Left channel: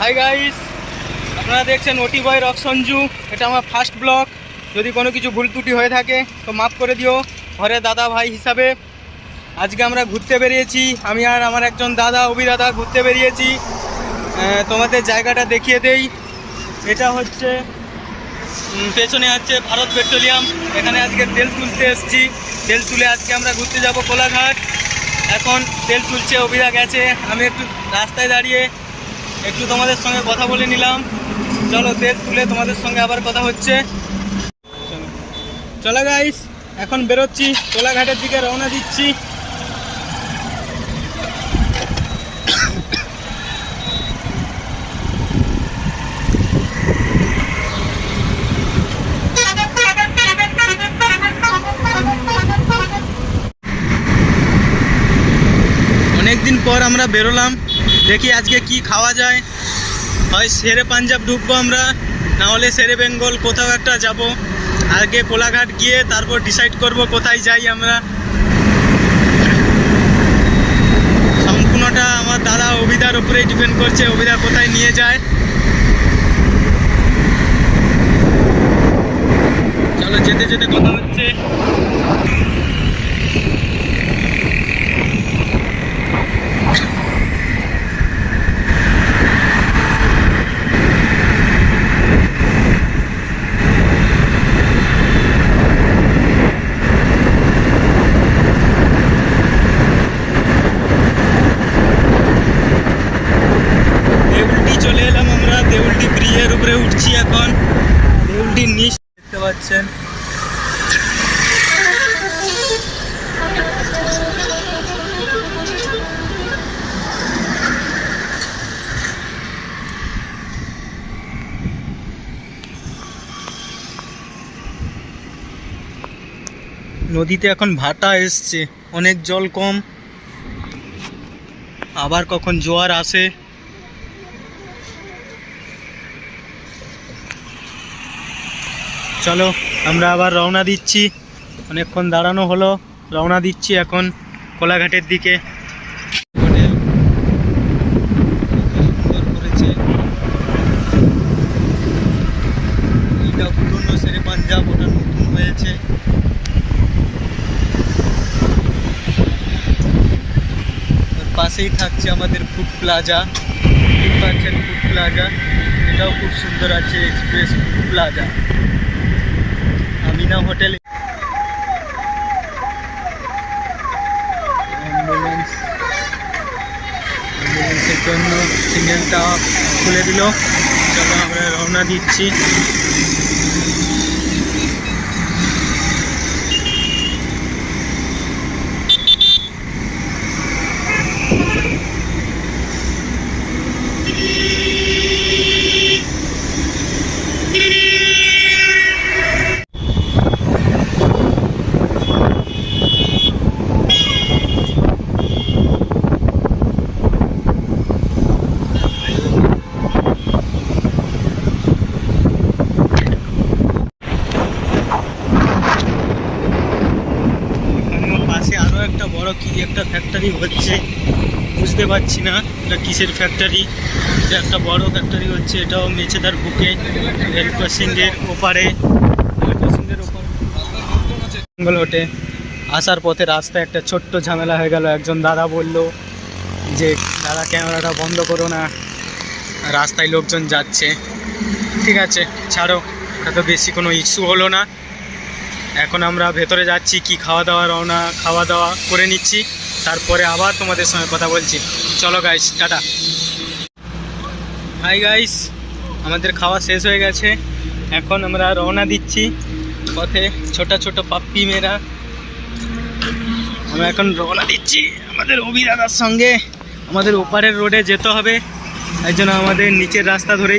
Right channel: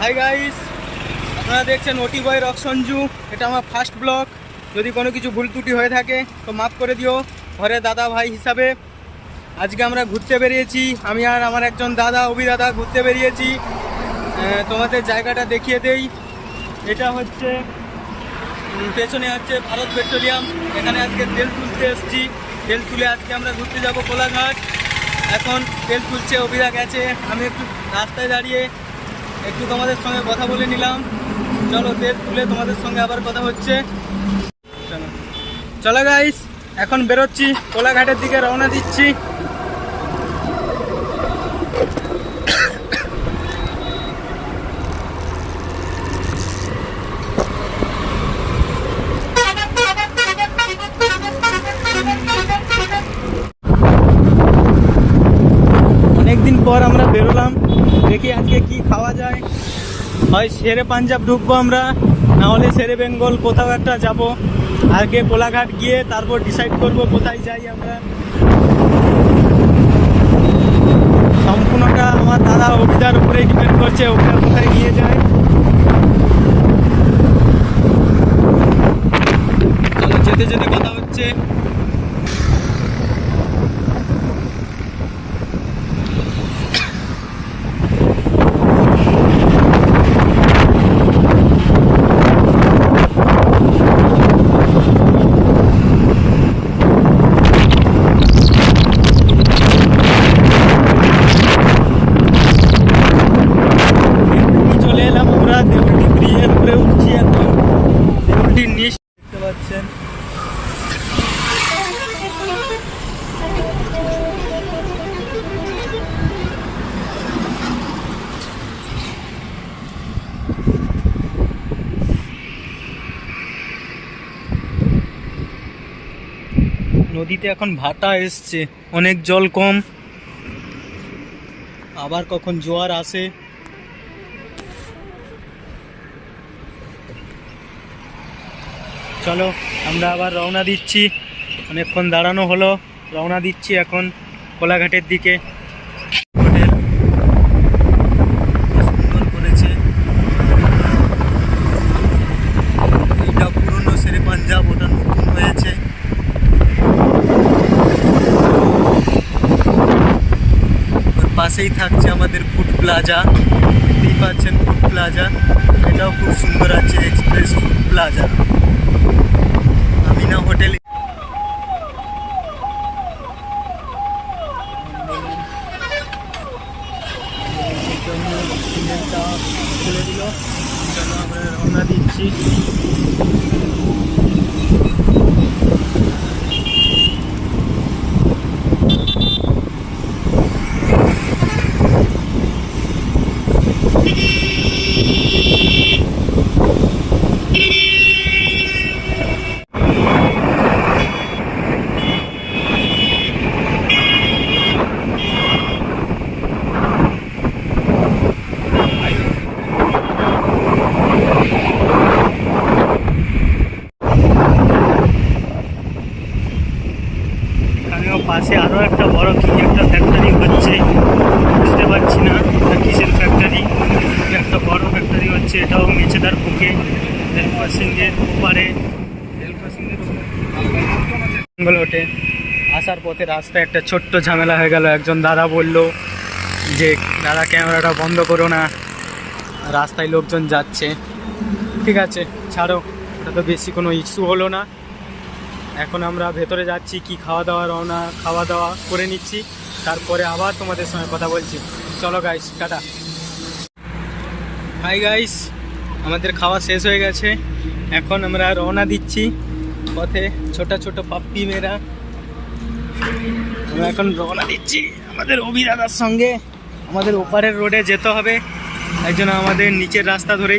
Hi guys, আপনারা দেখছেন ওটি বয় রক সঞ্জু। এটা আমার ফার্স্ট ব্লগ। যদি কোনো কিছু ভুল ত্রুটি হয়ে থাকে তো মাফ করে দিও ঘরে দাদা ভাই হিসাবে। আজকে আমরা ঘুরতে বেরিয়েছি, আমি আর আমার একজন দাদা অভিদাদা ঘুরতে বেরিয়েছি। তোমাদের জায়গাটা দেখিয়ে দেই। এটা হচ্ছে পেছনে আছে ভারত পেট্রোলিয়াম। এখানে আজকে তেল তুলতে এসেছি। তেল তুলে আজকে আমরা ঘুরতে যাব কোলাঘাট। এখন তেল তুলছে, অভিদা গেছে, আমি একটু রাস্তায় দাঁড়িয়ে একটু তোমাদের সঙ্গে কথা বলে নিলাম। চলো তেল তুলে তোমাদের সঙ্গে আবার কথা হচ্ছে। চলো গাইস, এখন বেরোচ্ছি, কোলাঘাটের দিকে রওনা দিচ্ছি। অনেকদিন পর আমরা বেরোলাম, দেখি আজকে কি খাওয়া যায়। হয় শেরে পাঞ্জাব ঢুকবো আমরা, না হলে শেরে বেঙ্গল, কোথাও একটা যাব। আগে কোলাঘাট গিয়ে তারপর ডিসাইড করব কোথায় যাই আমরা। সম্পূর্ণটা আমার দাদা অভিদার উপরেই ডিপেন্ড করছে, অভিদা কোথায় নিয়ে যায়। চলো যেতে যেতে কথা হচ্ছে। দেউলটি ব্রিজের উপরে উঠছি এখন। দেউলটির নিচ দেখতে পাচ্ছেন। নদীতে এখন ভাটা এসছে, অনেক জল কম, আবার কখন জোয়ার আসে। চলো আমরা আবার রওনা দিচ্ছি, অনেকক্ষণ দাঁড়ানো হলো, রওনা দিচ্ছি এখন কোলাঘাটের দিকে। হোটেল সুন্দর করেছে, এইটা পুরনো শেরে পাঞ্জাব, ওটা নতুন হয়েছে। ওর পাশেই থাকছে আমাদের ফুড প্লাজা, দেখতেই পাচ্ছেন ফুড প্লাজা, এটাও খুব সুন্দর আছে, express food plaza Amina hotel. অ্যাম্বুলেন্সের জন্য সিগন্যালটা খুলে দিল। চলো আমরা রওনা দিচ্ছি। পাশে আরও একটা বড় কি একটা ফ্যাক্টরি হচ্ছে, বুঝতে পারছি না এটা কিসের ফ্যাক্টরি। এটা একটা বড় ফ্যাক্টরি হচ্ছে, এটাও মেছেদার বুকে, রেল ক্রসিংয়ের ওপারে, রেল ক্রসিংয়ের বেঙ্গল হোটে। আসার পথে রাস্তায় একটা ছোট্ট ঝামেলা হয়ে গেল। একজন দাদা বলল যে দাদা ক্যামেরাটা বন্ধ করো না, রাস্তায় লোকজন যাচ্ছে। ঠিক আছে ছাড়ো, ওটা তো বেশি কোনো ইস্যু হলো না। এখন আমরা ভেতরে যাচ্ছি, কি খাওয়া দাওয়া করে নিচ্ছি, তারপরে আবার তোমাদের সঙ্গে কথা বলছি। চলো গাইস, টাটা। হাই গাইস, আমাদের খাওয়া শেষ হয়ে গেছে, এখন আমরা রওনা দিচ্ছি। পথে ছোট ছোট পাপ্পি মেয়েরা, আমরা এখন রওনা দিচ্ছি আমাদের অভিদাদার সঙ্গে। আমাদের ওপারের রোডে যেতে হবে, তাই জন্য আমাদের নিচের রাস্তা ধরেই